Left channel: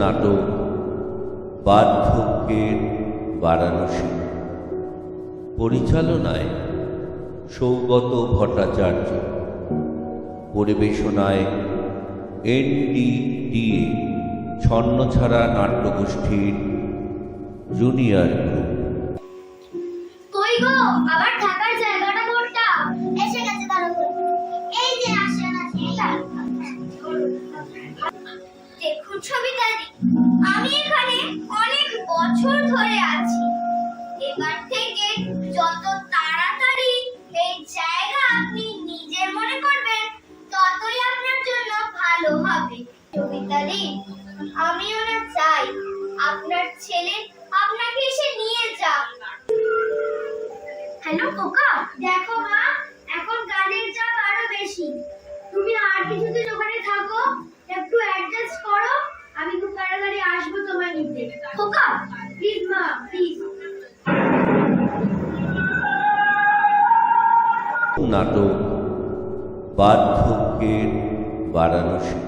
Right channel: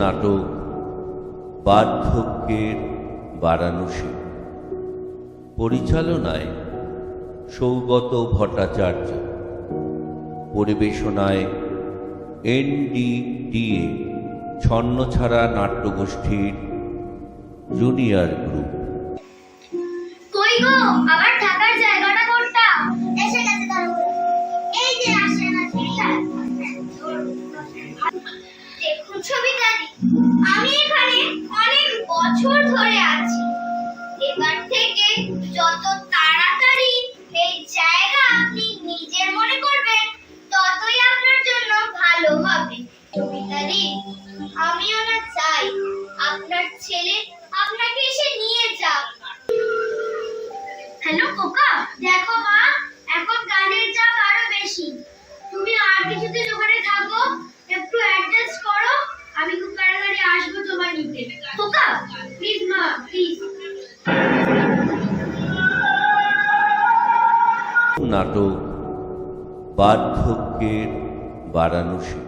নাটক বার্ধক্যের বারাণসী, পরিচালনায় সৌগত ভট্টাচার্য, পরিবেশনায় NDDA ছন্নছাড়া নাট্যগোষ্ঠীর জুনিয়র গ্রুপ। কই গো, আবার থাকার জায়গাটা কোনটা? এসে গেছে দাঁড়ো। এই যে আসেন দেখুন সবিতাদি, আমি এখানে অনেক বছর ধরে আছি। এবার থেকে যত তাড়াতাড়ি এই জায়গা আপনি নিজের মনে করবেন, ততই আপনার জন্য ভালো হবে। সবিতাদি, আমিও না চাই আপনার ছেলে আপনাকে এসে নিয়ে যাক। হ্যালো কোকা, দেখো মা, এখন কাজের চাপ আরো বেশি। তুমি আর কিছুদিন ওখানে থাকো, একটু অ্যাডজাস্ট করো। আমি খুব তাড়াতাড়ি আসবো তোমায় নিতে। কোকা প্লিজ মা, প্লিজ। নাটক বার্ধক্যের বারাণসী।